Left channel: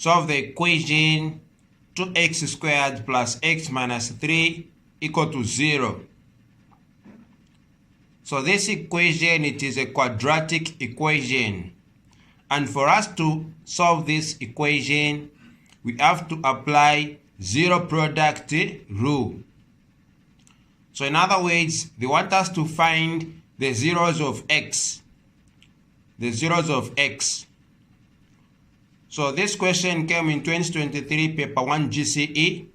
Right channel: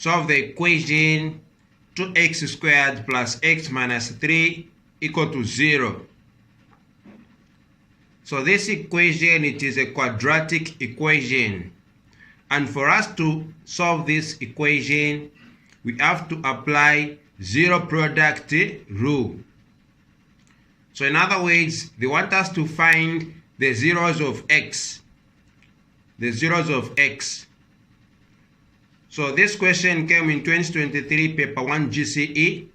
solve the equation 2x squared plus x minus 3 equal to 0. So this equation, it is a quadratic equation. And for us to solve this equation, we have to apply zero product rule. So in other words, they want us to find the zeros of x. The zeros of x. So this question came in 2023 paper 1 GCE.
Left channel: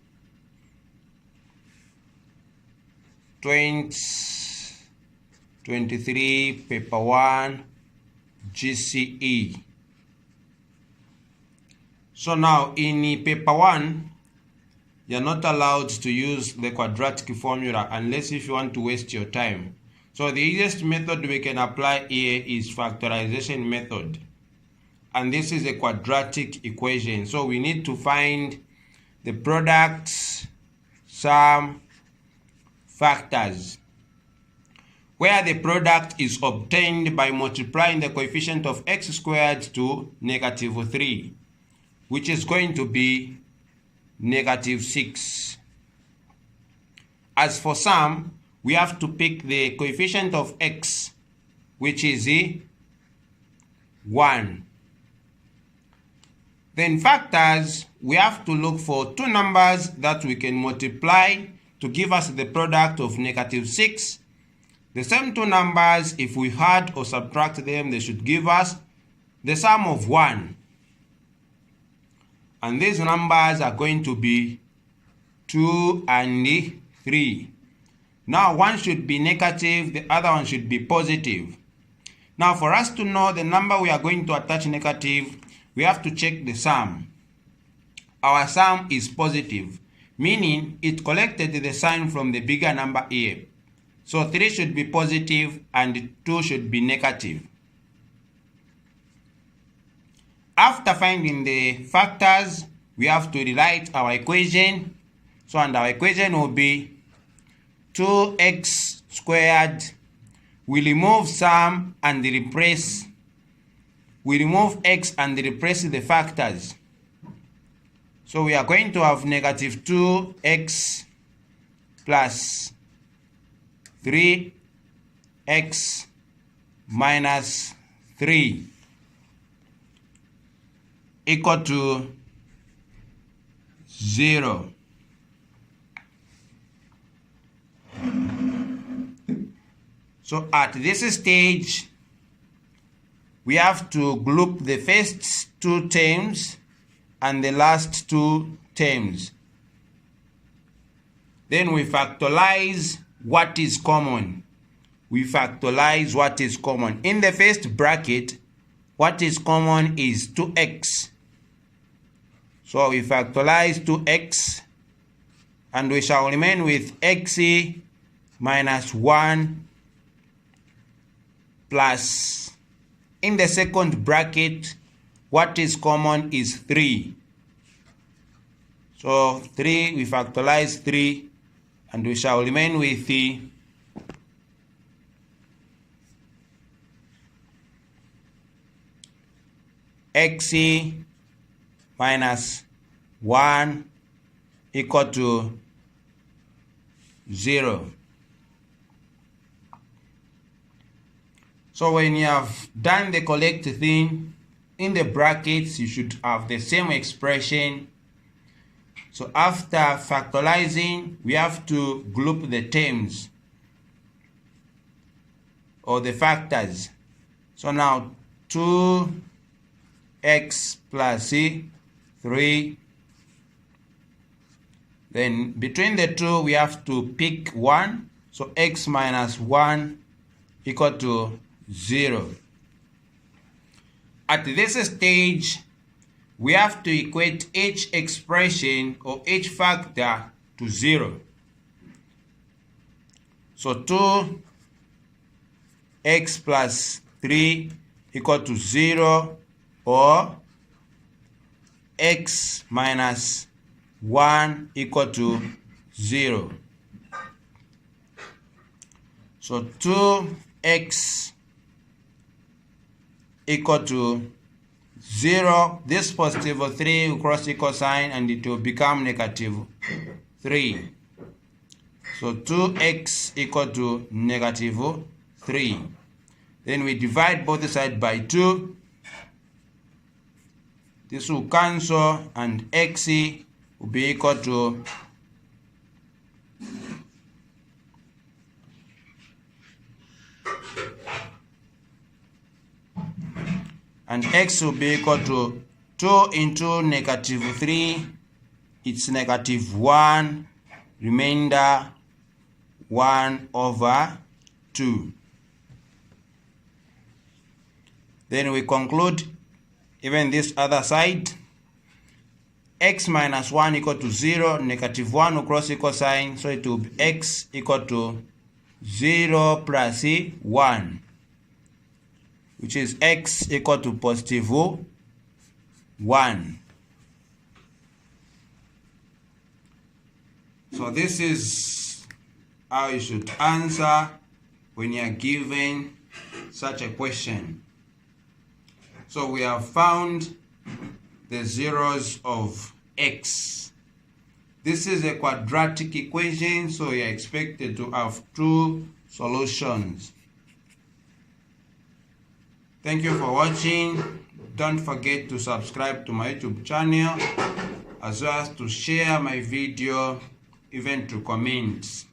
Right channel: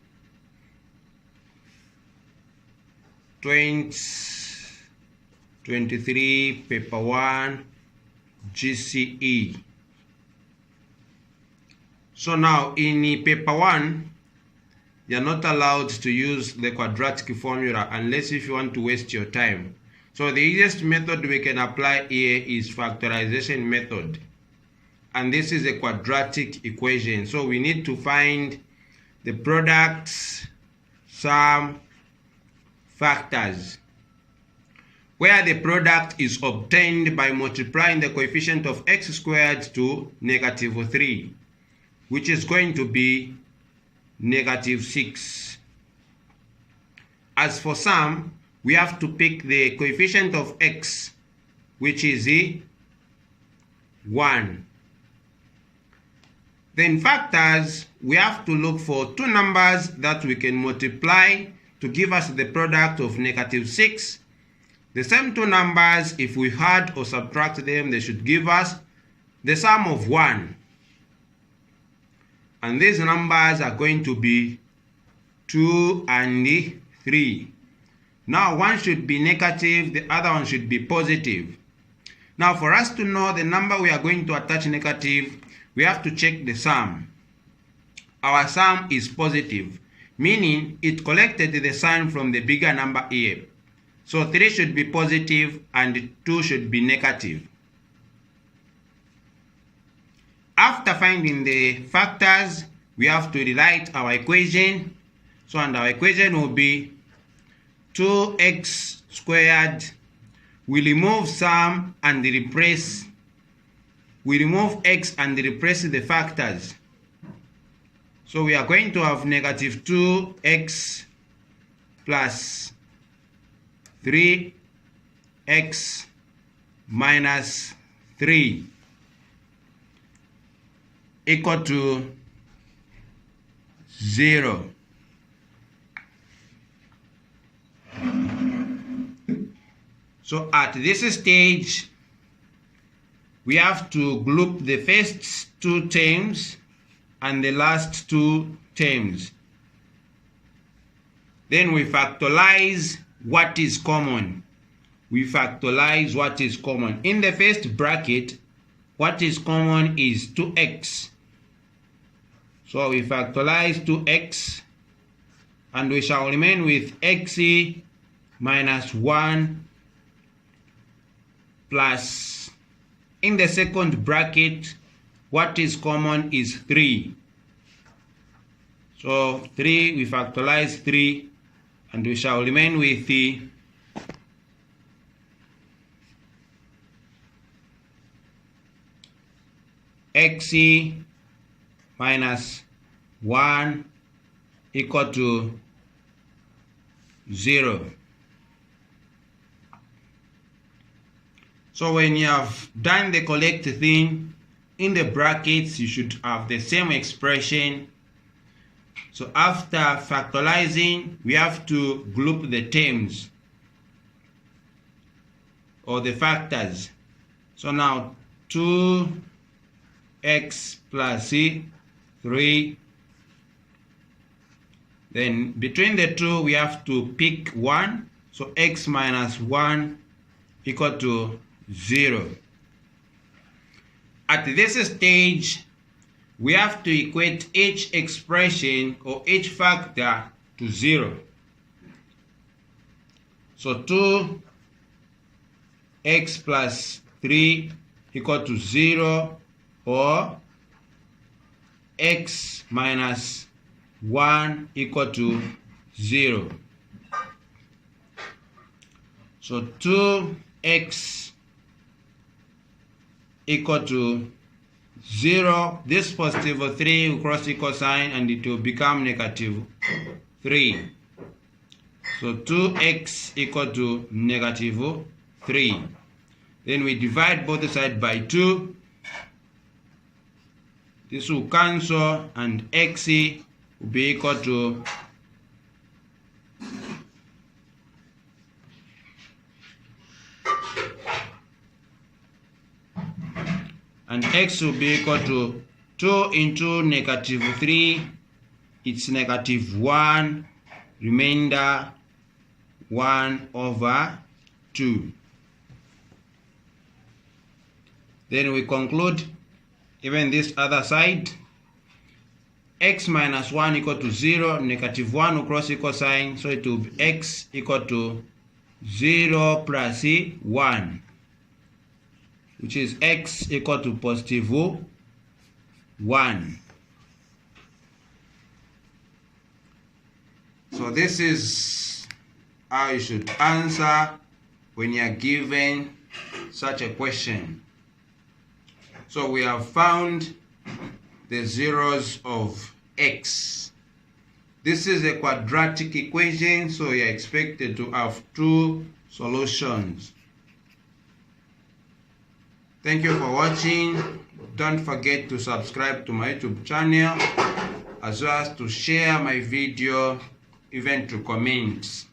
2023 paper 1 GCE. So now in paper 1, you're not allowed to use the quadratic formula unless if you want to waste your time. So the easiest method we can apply here is factorization method. And this is a quadratic equation. So we need to find the products, sum, factors, where the product is obtained by multiplying the coefficient of x squared to -3, which is going to be -6. As for sum, we have to pick the coefficient of x, which is 1. Then factors, we have to look for two numbers that we can multiply to give us the product of -6. The same two numbers, if we add or subtract them, they should give us the sum of 1. And these numbers are going to be 2 and 3. Now one should be negative, the other one should be positive. Now for us to know the number we are going to attach negative, we have to check the sum. Our sum is positive, meaning it collected the sign from the bigger number here. So 3 should be positive and 2 should be negative. After finding the factors, we have to rewrite our equation. So and our equation will be 2x squared. We remove sum and replace. We remove x and replace the factors. So we are going to have -2x plus 3x minus 3 equal to 0. So at this stage, we have to group the first two terms and the last two terms. Then we factorize what is common. We factorize what is common. In the first bracket, what is common is 2x. So we factorize 2x and we shall remain with x minus 1 plus, in the second bracket, what is common is 3. So 3, we factorize 3 and we shall remain with the x minus 1 equal to 0. So when you have done the correct thing, in the brackets you should have the same expression. So after factorizing, we have to group the terms or the factors. So now 2x plus 3. Then between the two, we have to pick 1. So x minus 1 equal to 0. At this stage, we have to equate each expression or each factor to 0. So 2x plus 3 equal to 0, or x minus 1 equal to 0. So 2x equal to 0, this positive 3 will cross equal sign and it will become negative 3. So 2x equal to negative 3. Then we divide both sides by 2. This will cancel and x will be equal to x will be equal to 2 into negative 3. It's negative 1. Remainder 1 over 2. Then we conclude even this other side. X minus 1 equal to 0. Negative 1 will cross equal sign. So it will be x equal to 0 plus 1. Which is x equal to positive 1. So this is how you should answer when you are given such a question. So we have found the zeros of x. This is a quadratic equation, so you are expected to have 2 solutions. Thank you for watching. Don't forget to subscribe to my YouTube channel, as well as to share my video, even to comment.